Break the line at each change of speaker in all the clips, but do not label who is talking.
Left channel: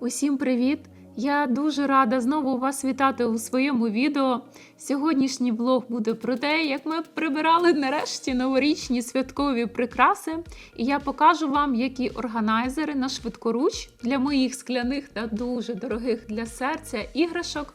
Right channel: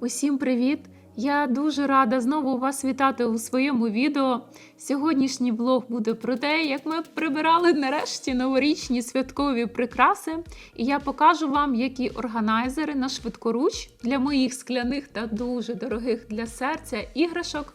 Усім привіт! Я дуже рада знову вас вітати у своєму відео. Сьогоднішній влог буде про те, як ми прибирали нарешті новорічні святкові прикраси, і я покажу вам, які органайзери на швидкоруч для моїх скляних та дуже дорогих для серця іграшок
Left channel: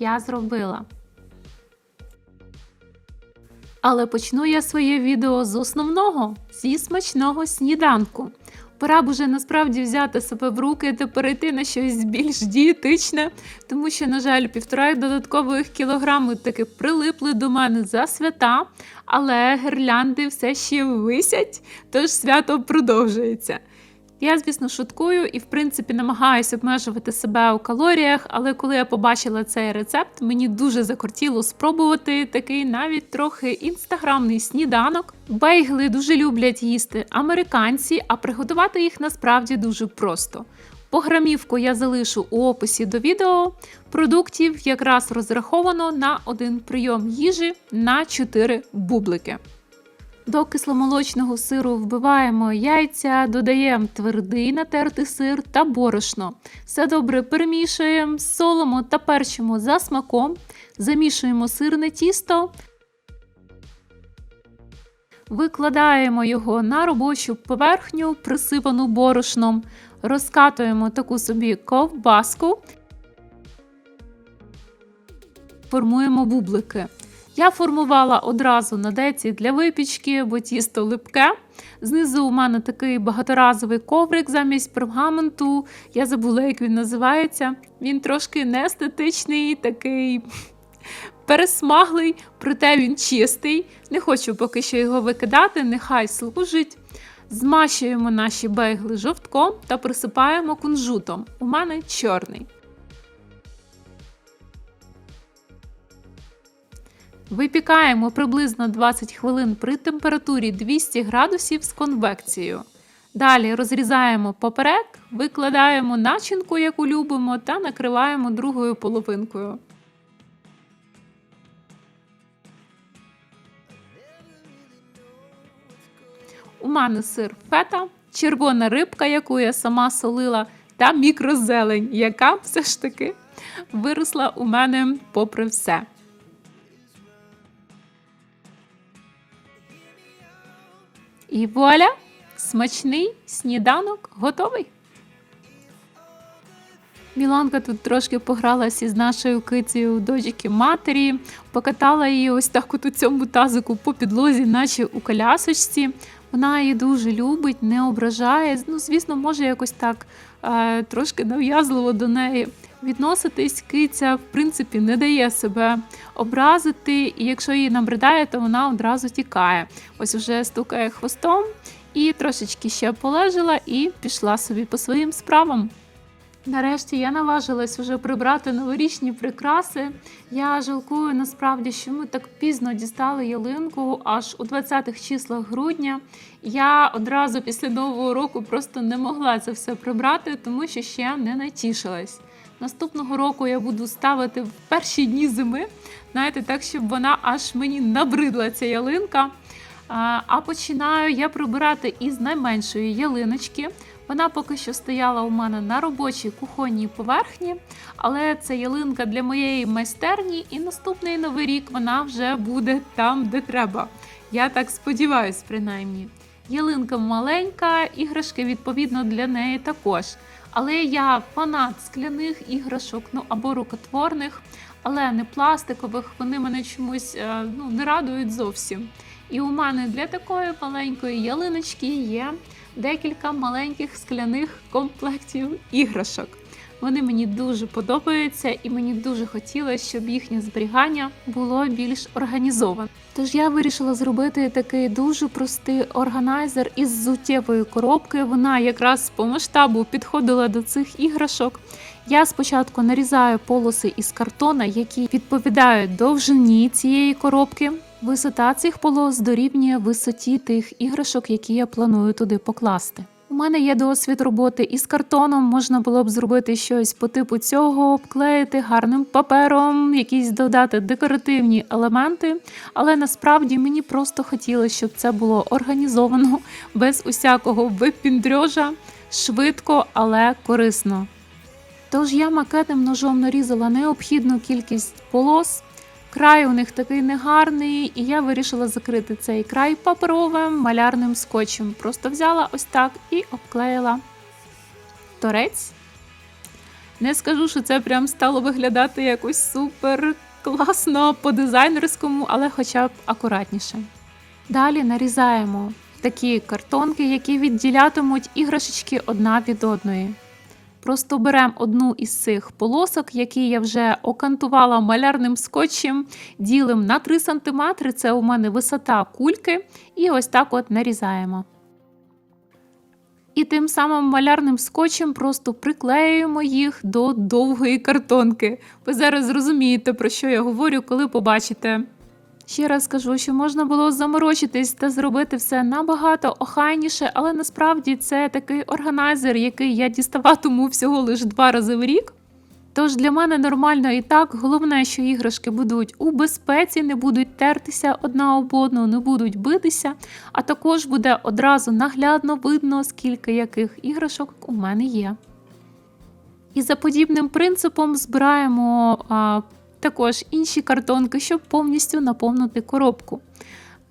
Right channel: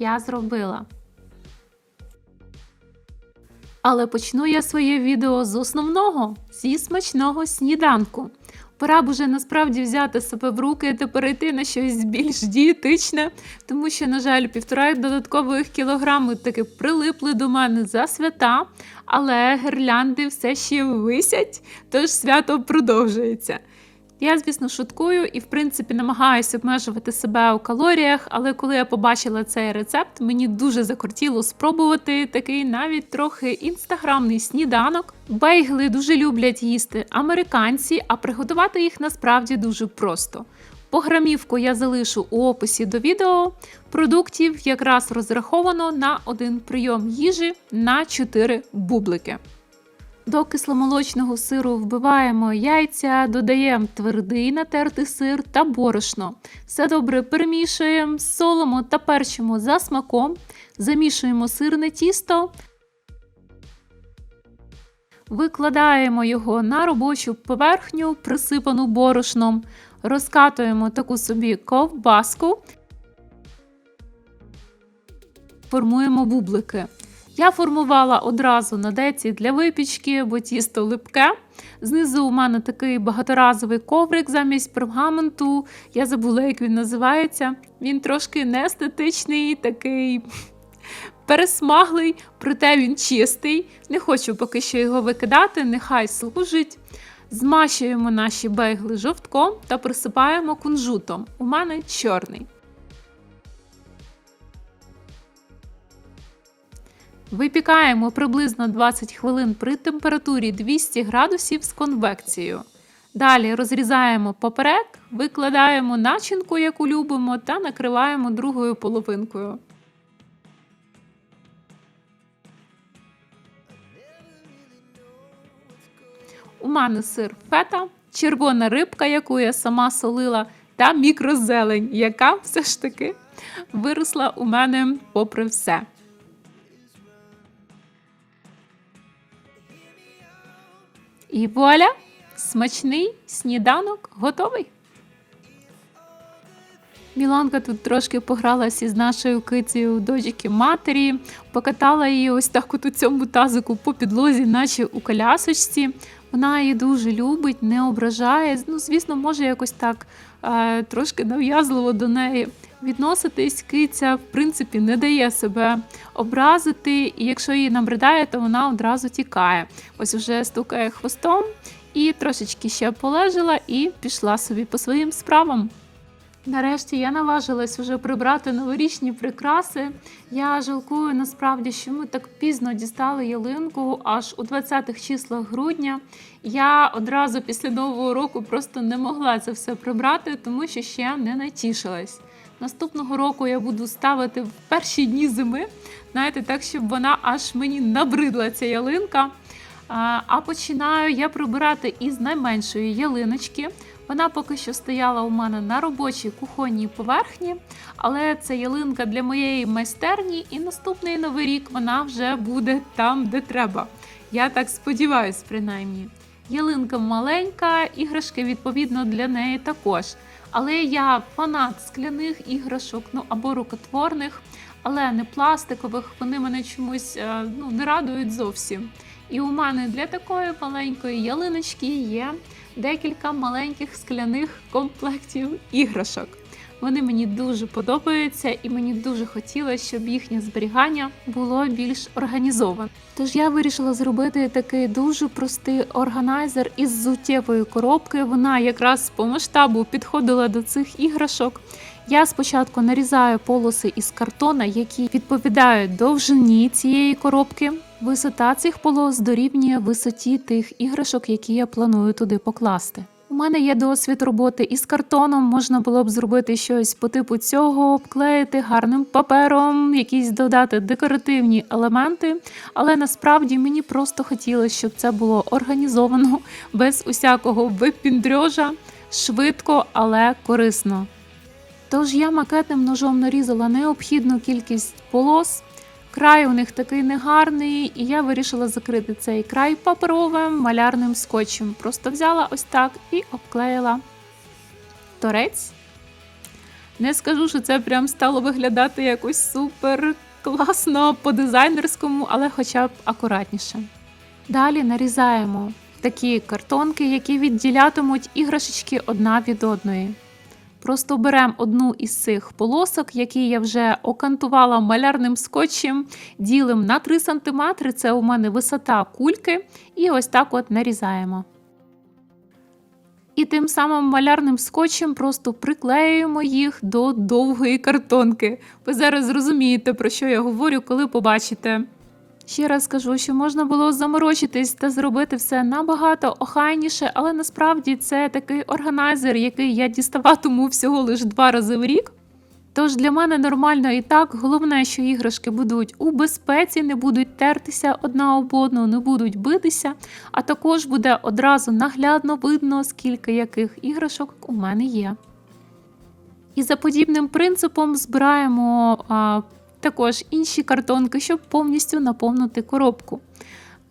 я зробила. Але почну я своє відео з основного зі смачного сніданку. Пора б насправді взяти себе в руки та перейти на щось більш дієтичне, тому що, на жаль, півтора додаткових кілограми таки прилипли до мене за свята, але гірлянди все ще висять, тож свято продовжується. Я, звісно, шуткую і, в принципі, намагаюся обмежувати себе у калоріях, але коли я побачила цей рецепт, мені дуже закортіло спробувати такий навіть трохи інстаграмний сніданок. Бейгли дуже люблять їсти американці, а приготувати їх насправді дуже просто. Пограмівку я залишу у описі до відео. Продуктів якраз розраховано на один прийом їжі на 4 бублики. До кисломолочного сиру вбиваємо яйця, додаємо твердий натертий сир та борошно. Все добре перемішуємо, солимо та перчимо за смаком, замішуємо сирне тісто, викладаємо його на робочу поверхню, присипану борошном, розкатуємо таку собі ковбаску, формуємо бублики. Я формувала одразу на деці для випічки, бо тісто липке. Знизу у мене такий багаторазовий коврик замість пергаменту. Я забула, як він називається. Він трошки неестетичний, такий пересмаглий, проте він чистий. Не хочу поки що його викидати, нехай служить. Змащуємо наші бейгли жовтком та присипаємо кунжутом. У мене чорний. Випікаємо приблизно 20 хвилин при температурі 200 градусів з конвекцією. Далі розрізаємо поперек, викладаємо начинку, яку любимо, та накриваємо другою половинкою. У мене сир фета, червона рибка, яку я сама солила, та мікрозелень, яка все ж таки виросла у мене попри все. І вуаля! Смачний сніданок готовий. Міланка тут трошки погралася із нашою кицею дочки матері, покатала її ось так от у цьому тазику по підлозі, наче у колясочці. Вона її дуже любить, не ображає. Ну, звісно, може якось так е, трошки нав'язливо до неї відноситись. Киця, в принципі, не дає себе образити, і якщо її набридає, то вона одразу тікає. Ось уже стукає хвостом і трошечки ще полежала і пішла собі по своїм справам. Нарешті я наважилась вже прибрати новорічні прикраси. Я жалкую насправді, що ми так пізно дістали ялинку аж у 20-х числах грудня. Я одразу після нового року просто не могла це все прибрати, тому що ще не натішилась. Наступного року я буду ставити в перші дні зими, знаєте, так, щоб вона аж мені набридла ця ялинка. А починаю я прибирати із найменшої ялиночки. Вона поки що стояла у мене на робочій кухонній поверхні, але це ялинка для моєї майстерні, і наступний новий рік вона вже буде там, де треба. Я так сподіваюся, принаймні. Ялинка маленька, іграшки відповідно для неї також. Але я фанат скляних іграшок, ну або рукотворних, але не пластикових. Вони мене чомусь ну, не радують зовсім. І у мене для такої маленької ялиночки є декілька маленьких скляних комплектів іграшок. Вони мені дуже подобаються, і мені дуже хотілося, щоб їхнє зберігання було більш організоване. Тож я вирішила зробити такий дуже простий органайзер із зуттєвої коробки. Вона якраз по масштабу підходила до цих іграшок. Я спочатку нарізаю полоси із картона, які відповідають довжині цієї коробки. Висота цих полос дорівнює висоті тих іграшок, які я планую туди покласти. У мене є досвід роботи із картоном. Можна було б зробити щось по типу цього, обклеїти гарним папером, якісь додати декоративні елементи. Але насправді мені просто хотілося, щоб це було організовано без усякого випіндрьожа, швидко, але корисно. Тож я макетним ножом нарізала необхідну кількість полос. Край у них такий негарний, і я вирішила закрити цей край паперовим малярним скотчем. Просто взяла ось так і обклеїла торець. Не скажу, що це прям стало виглядати якось супер класно по дизайнерському, але хоча б акуратніше. Далі нарізаємо такі картонки, які відділятимуть іграшечки одна від одної. Просто беремо одну із цих полосок, які я вже окантувала малярним скотчем, ділимо на 3 см, це у мене висота кульки, і ось так от нарізаємо. І тим самим малярним скотчем просто приклеюємо їх до довгої картонки. Ви зараз зрозумієте, про що я говорю, коли побачите. Ще раз скажу, що можна було заморочитись та зробити все набагато охайніше, але насправді це такий органайзер, який я діставатиму всього лише два рази в рік. Тож для мене нормально і так. Головне, що іграшки будуть у безпеці, не будуть тертися одна об одну, не будуть битися, а також буде одразу наглядно видно, скільки яких іграшок у мене є. І за подібним принципом збираємо також інші картонки, щоб повністю наповнити коробку.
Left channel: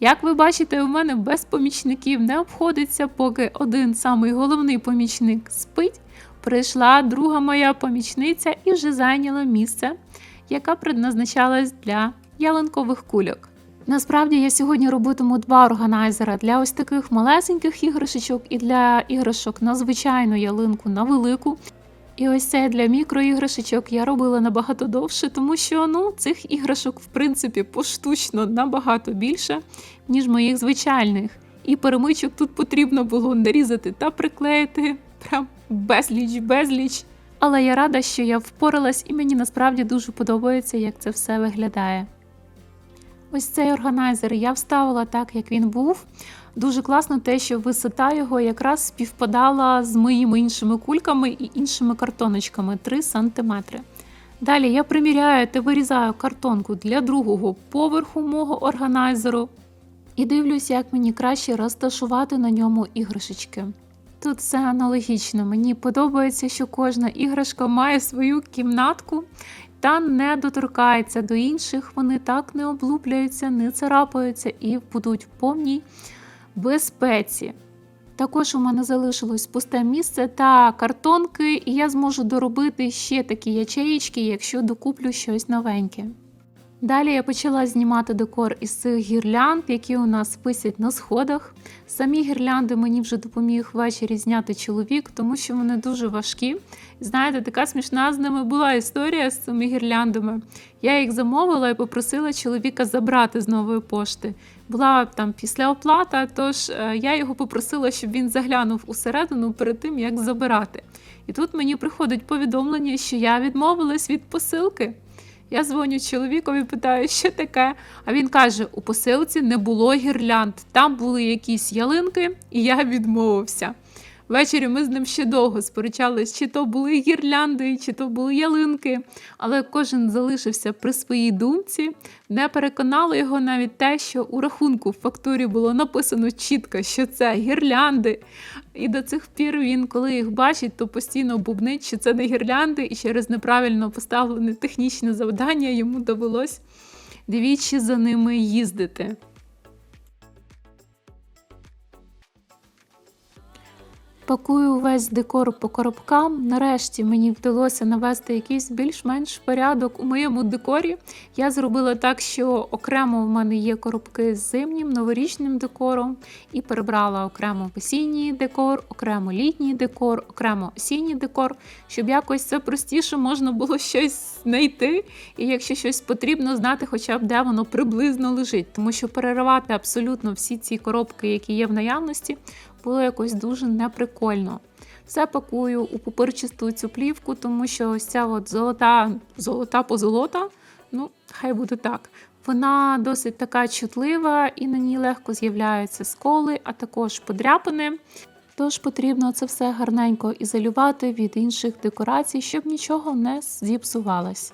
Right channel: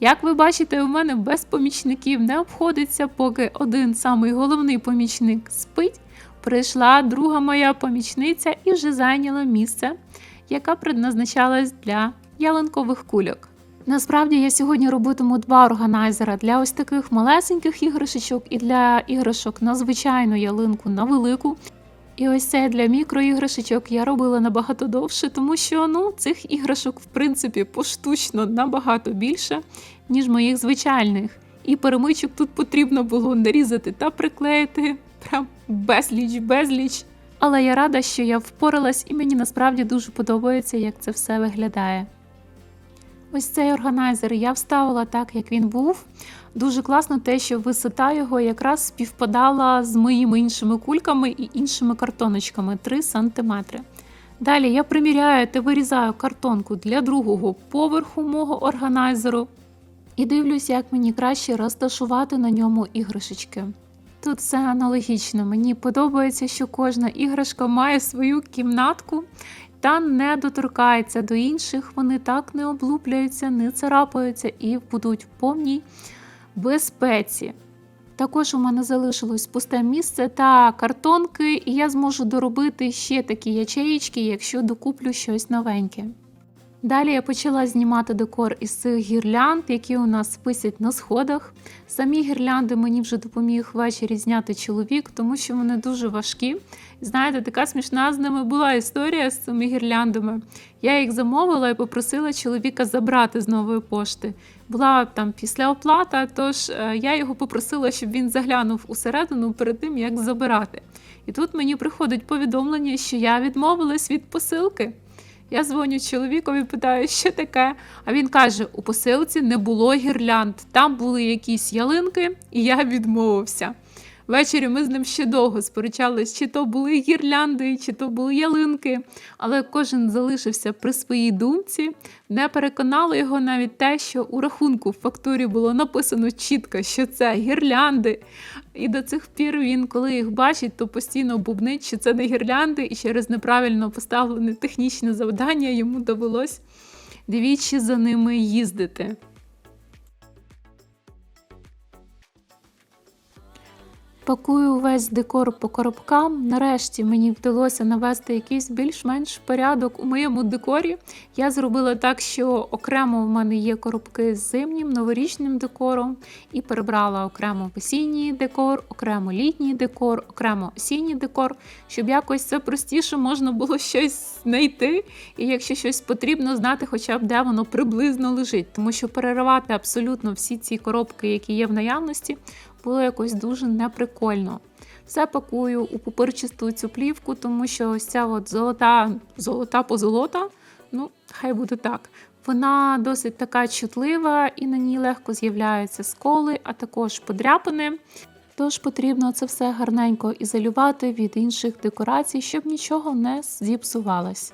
Як ви бачите, у мене без помічників не обходиться, поки один самий головний помічник спить. Прийшла друга моя помічниця і вже зайняла місце, яка предназначалась для ялинкових кульок. Насправді я сьогодні робитиму два органайзера для ось таких малесеньких іграшечок і для іграшок на звичайну ялинку на велику. І ось це для мікроіграшечок я робила набагато довше, тому що ну, цих іграшок, в принципі, поштучно набагато більше, ніж моїх звичайних. І перемичок тут потрібно було нарізати та приклеїти прям безліч, безліч. Але я рада, що я впоралась, і мені насправді дуже подобається, як це все виглядає. Ось цей органайзер я вставила так, як він був. Дуже класно те, що висота його якраз співпадала з моїми іншими кульками і іншими картоночками 3 см. Далі я приміряю та вирізаю картонку для другого поверху мого органайзеру і дивлюсь, як мені краще розташувати на ньому іграшечки. Тут все аналогічно. Мені подобається, що кожна іграшка має свою кімнатку та не доторкається до інших. Вони так не облуплюються, не царапаються і будуть в повній безпеці. Також у мене залишилось пусте місце та картонки, і я зможу доробити ще такі ячеїчки, якщо докуплю щось новеньке. Далі я почала знімати декор із цих гірлянд, які у нас висять на сходах. Самі гірлянди мені вже допоміг ввечері зняти чоловік, тому що вони дуже важкі. Знаєте, така смішна з ними була історія з цими гірляндами. Я їх замовила і попросила чоловіка забрати з нової пошти. Була там після оплата, тож е, я його попросила, щоб він заглянув усередину перед тим, як забирати. І тут мені приходить повідомлення, що я відмовилась від посилки. Я дзвоню чоловікові, питаю, що таке. А він каже: у посилці не було гірлянд, там були якісь ялинки, і я відмовився. Ввечері ми з ним ще довго сперечались, чи то були гірлянди, чи то були ялинки. Але кожен залишився при своїй думці. Не переконало його навіть те, що у рахунку в фактурі було написано чітко, що це гірлянди. І до цих пір він, коли їх бачить, то постійно бубнить, що це не гірлянди, і через неправильно поставлене технічне завдання йому довелось двічі за ними їздити. Пакую весь декор по коробкам. Нарешті мені вдалося навести якийсь більш-менш порядок у моєму декорі. Я зробила так, що окремо в мене є коробки з зимнім новорічним декором, і перебрала окремо осінній декор, окремо літній декор, окремо осінній декор, щоб якось це простіше можна було щось знайти. І якщо щось потрібно, знати, хоча б де воно приблизно лежить, тому що переривати абсолютно всі ці коробки, які є в наявності було якось дуже неприкольно. Все пакую у пупирчасту цю плівку, тому що ось ця от золота золота позолота, ну, хай буде так. Вона досить така чутлива і на ній легко з'являються сколи, а також подряпини. Тож потрібно це все гарненько ізолювати від інших декорацій, щоб нічого не зіпсувалось.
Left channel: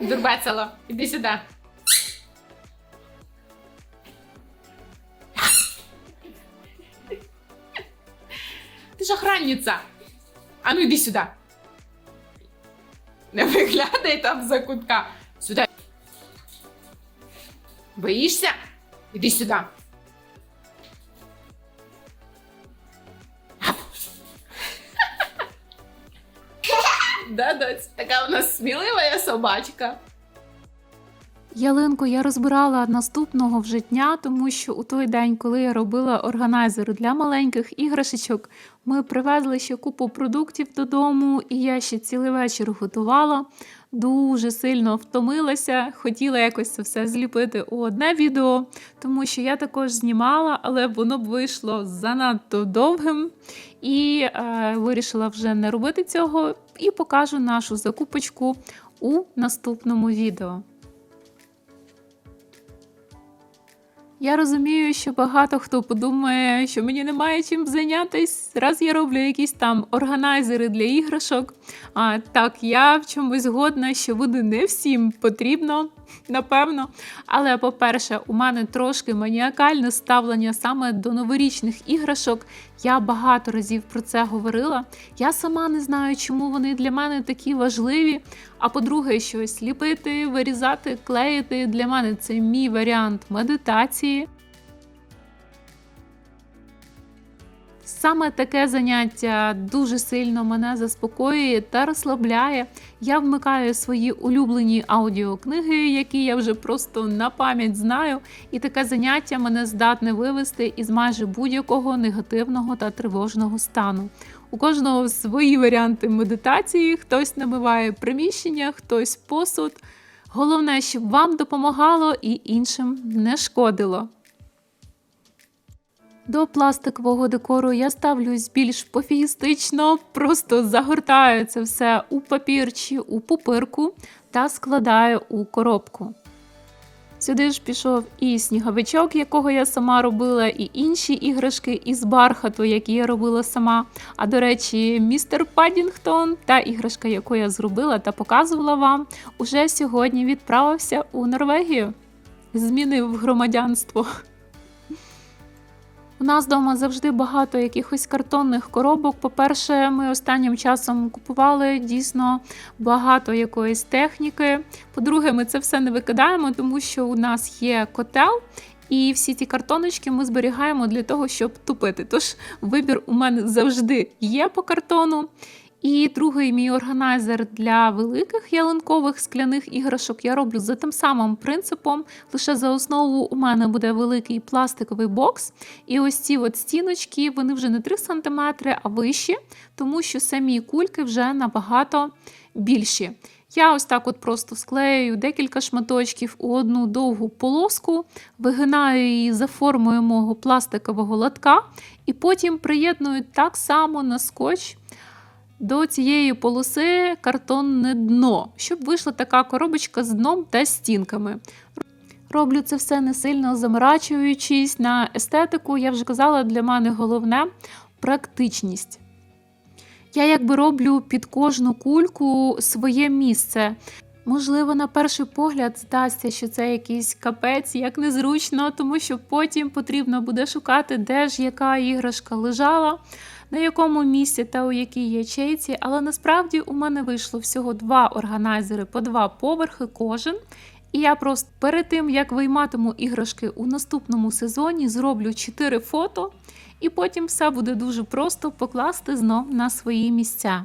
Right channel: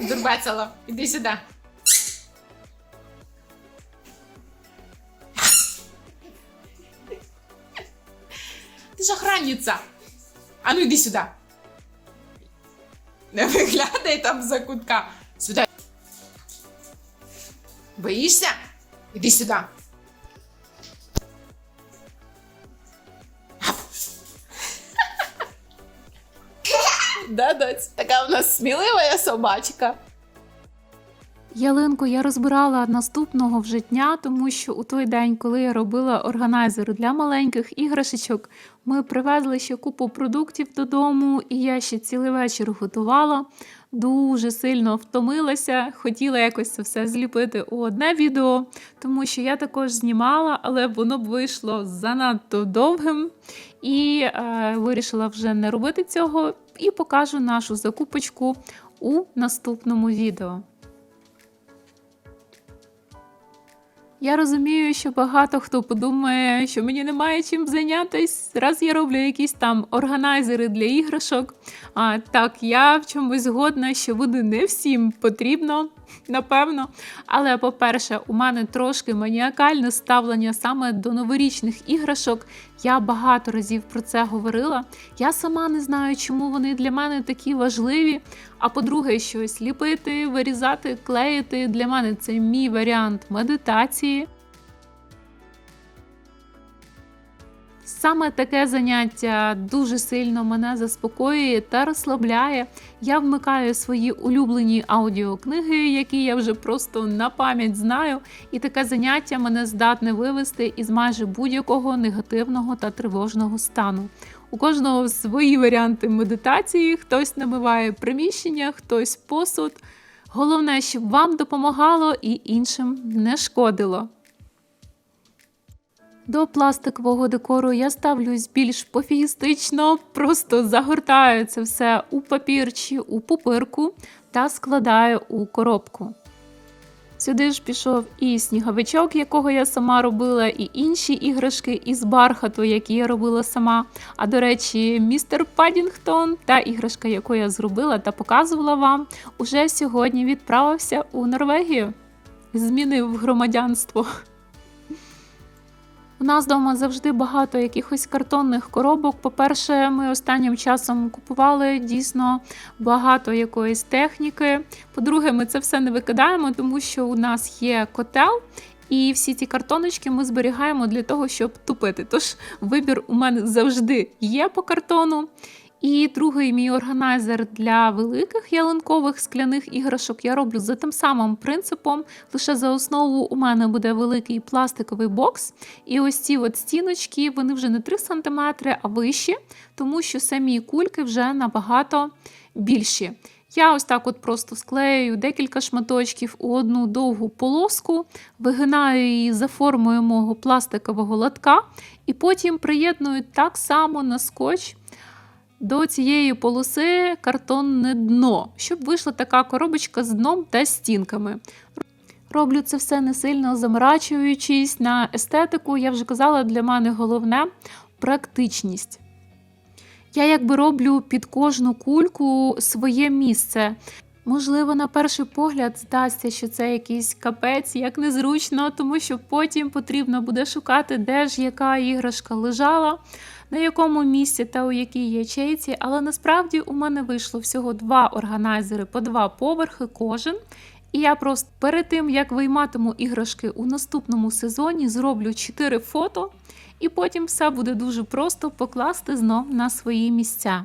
Дурбецело, іди сюди. Ти ж охранниця. А ну йди сюди. Не виглядай там за кутка. Сюди. Боїшся? Іди сюди. Да, доць? Така у нас смілива собачка.
Ялинку я розбирала наступного вже дня, тому що у той день, коли я робила органайзер для маленьких іграшечок, ми привезли ще купу продуктів додому, і я ще цілий вечір готувала. Дуже сильно втомилася, хотіла якось це все зліпити у одне відео, тому що я також знімала, але воно б вийшло занадто довгим. І е, вирішила вже не робити цього і покажу нашу закупочку у наступному відео. Я розумію, що багато хто подумає, що мені немає чим зайнятися. Раз я роблю якісь там органайзери для іграшок. А так, я в чомусь згодна, що буде не всім потрібно, напевно. Але, по-перше, у мене трошки маніакальне ставлення саме до новорічних іграшок. Я багато разів про це говорила. Я сама не знаю, чому вони для мене такі важливі. А по-друге, щось ліпити, вирізати, клеїти для мене це мій варіант медитації. Саме таке заняття дуже сильно мене заспокоює та розслабляє. Я вмикаю свої улюблені аудіокниги, які я вже просто на пам'ять знаю, і таке заняття мене здатне вивести із майже будь-якого негативного та тривожного стану. У кожного свої варіанти медитації, хтось намиває приміщення, хтось посуд. Головне, щоб вам допомагало і іншим не шкодило. До пластикового декору я ставлюсь більш пофігістично, просто загортаю це все у папір чи у пупирку та складаю у коробку. Сюди ж пішов і сніговичок, якого я сама робила, і інші іграшки із бархату, які я робила сама. А до речі, містер Падінгтон та іграшка, яку я зробила та показувала вам, уже сьогодні відправився у Норвегію. Змінив громадянство. У нас вдома завжди багато якихось картонних коробок. По-перше, ми останнім часом купували дійсно багато якоїсь техніки. По-друге, ми це все не викидаємо, тому що у нас є котел. І всі ті картоночки ми зберігаємо для того, щоб тупити. Тож вибір у мене завжди є по картону. І другий мій органайзер для великих ялинкових скляних іграшок я роблю за тим самим принципом. Лише за основу у мене буде великий пластиковий бокс. І ось ці от стіночки вони вже не 3 см, а вищі, тому що самі кульки вже набагато більші. Я ось так от просто склею декілька шматочків у одну довгу полоску, вигинаю її за формою мого пластикового лотка, і потім приєдную так само на скотч до цієї полоси картонне дно, щоб вийшла така коробочка з дном та стінками. Роблю це все не сильно заморачуючись на естетику. Я вже казала, для мене головне практичність. Я якби роблю під кожну кульку своє місце. Можливо, на перший погляд здасться, що це якийсь капець, як незручно, тому що потім потрібно буде шукати, де ж яка іграшка лежала, на якому місці та у якій ячейці. Але насправді у мене вийшло всього два органайзери по два поверхи кожен. І я просто перед тим, як вийматиму іграшки у наступному сезоні, зроблю 4 фото, і потім все буде дуже просто покласти знов на свої місця.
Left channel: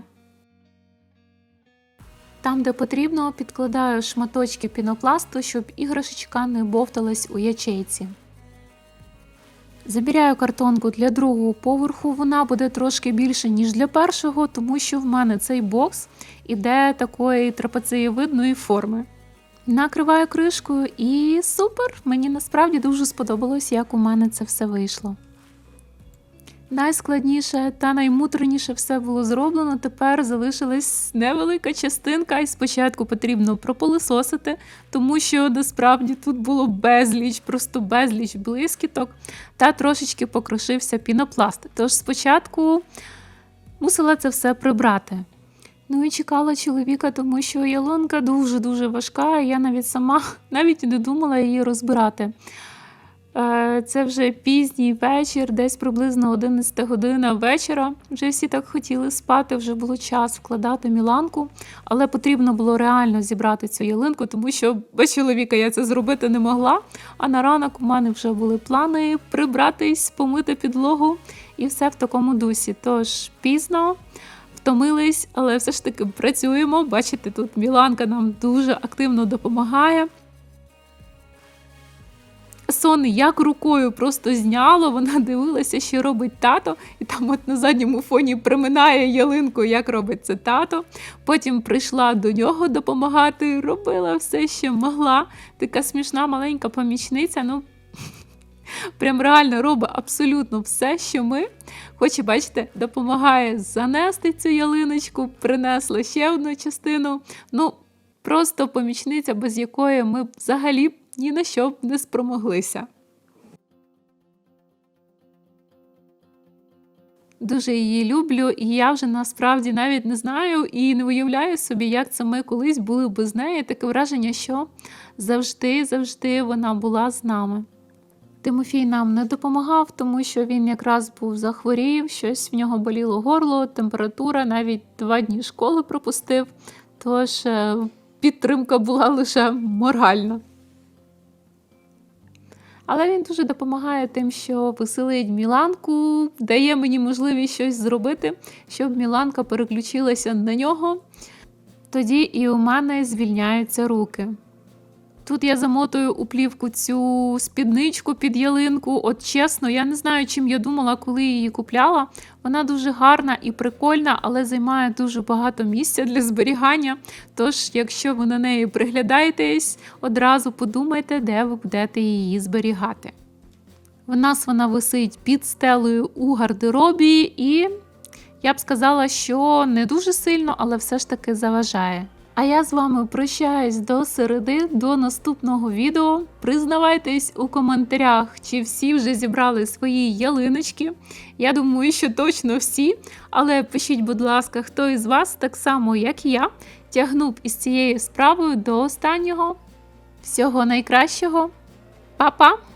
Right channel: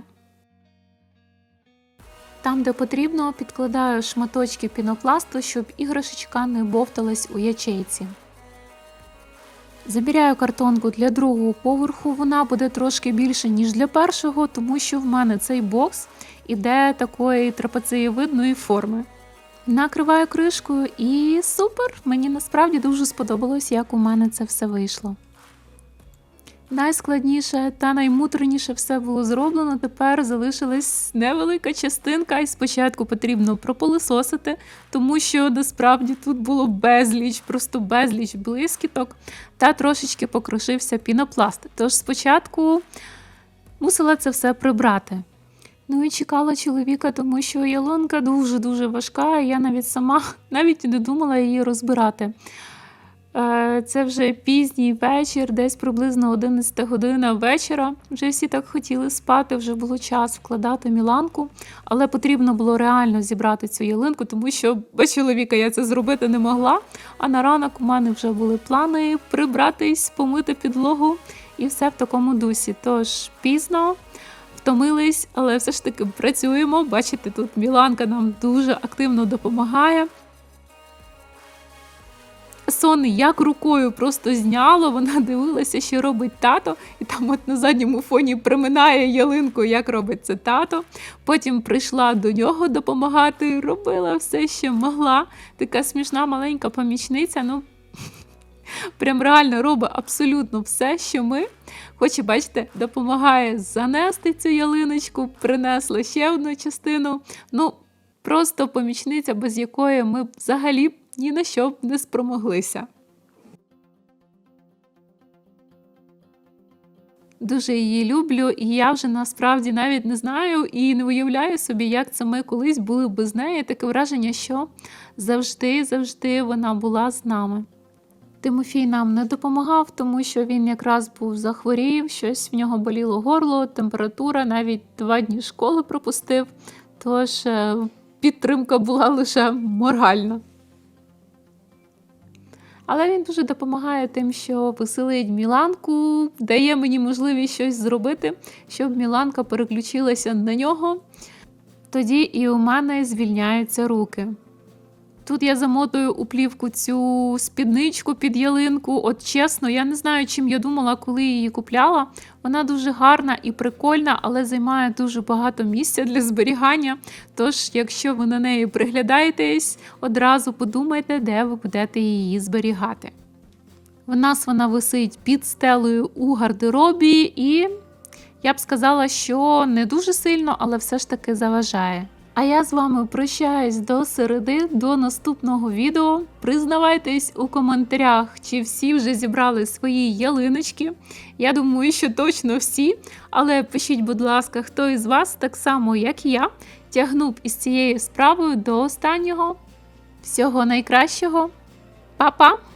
Там, де потрібно, підкладаю шматочки пінопласту, щоб іграшечка не бовталась у ячейці. Забіряю картонку для другого поверху, вона буде трошки більше, ніж для першого, тому що в мене цей бокс іде такої трапецієвидної форми. Накриваю кришкою і супер! Мені насправді дуже сподобалось, як у мене це все вийшло. Найскладніше та наймуторніше все було зроблено. Тепер залишилась невелика частинка, і спочатку потрібно пропилисосити, тому що насправді тут було безліч, просто безліч блискіток, та трошечки покрушився пінопласт. Тож спочатку мусила це все прибрати. Ну і чекала чоловіка, тому що ялинка дуже-дуже важка, і я навіть сама навіть не думала її розбирати. Е, Це вже пізній вечір, десь приблизно 11 година вечора. Вже всі так хотіли спати, вже було час вкладати міланку, але потрібно було реально зібрати цю ялинку, тому що без чоловіка я це зробити не могла. А на ранок у мене вже були плани прибратись, помити підлогу і все в такому дусі. Тож пізно. Втомились, але все ж таки працюємо. Бачите, тут Міланка нам дуже активно допомагає. Сон як рукою просто зняло, вона дивилася, що робить тато, і там от на задньому фоні приминає ялинку, як робить це тато. Потім прийшла до нього допомагати, робила все, що могла. Така смішна маленька помічниця. Ну прям реально робить абсолютно все, що ми. Хоч бачите, допомагає занести цю ялиночку, принесла ще одну частину. Ну, просто помічниця, без якої ми взагалі ні на що б не спромоглися. Дуже її люблю, і я вже насправді навіть не знаю і не уявляю собі, як це ми колись були без неї. Таке враження, що завжди, завжди вона була з нами. Тимофій нам не допомагав, тому що він якраз був захворів, щось в нього боліло горло, температура, навіть два дні школи пропустив. Тож е, підтримка була лише моральна. Але він дуже допомагає тим, що веселить Міланку, дає мені можливість щось зробити, щоб Міланка переключилася на нього. Тоді і у мене звільняються руки. Тут я замотую у плівку цю спідничку під ялинку. От чесно, я не знаю, чим я думала, коли її купляла. Вона дуже гарна і прикольна, але займає дуже багато місця для зберігання. Тож, якщо ви на неї приглядаєтесь, одразу подумайте, де ви будете її зберігати. У нас вона висить під стелею у гардеробі, і я б сказала, що не дуже сильно, але все ж таки заважає. А я з вами прощаюсь до середи, до наступного відео. Признавайтесь у коментарях, чи всі вже зібрали свої ялиночки. Я думаю, що точно всі. Але пишіть, будь ласка, хто із вас, так само як і я, тягнув із цією справою до останнього. Всього найкращого. Па-па!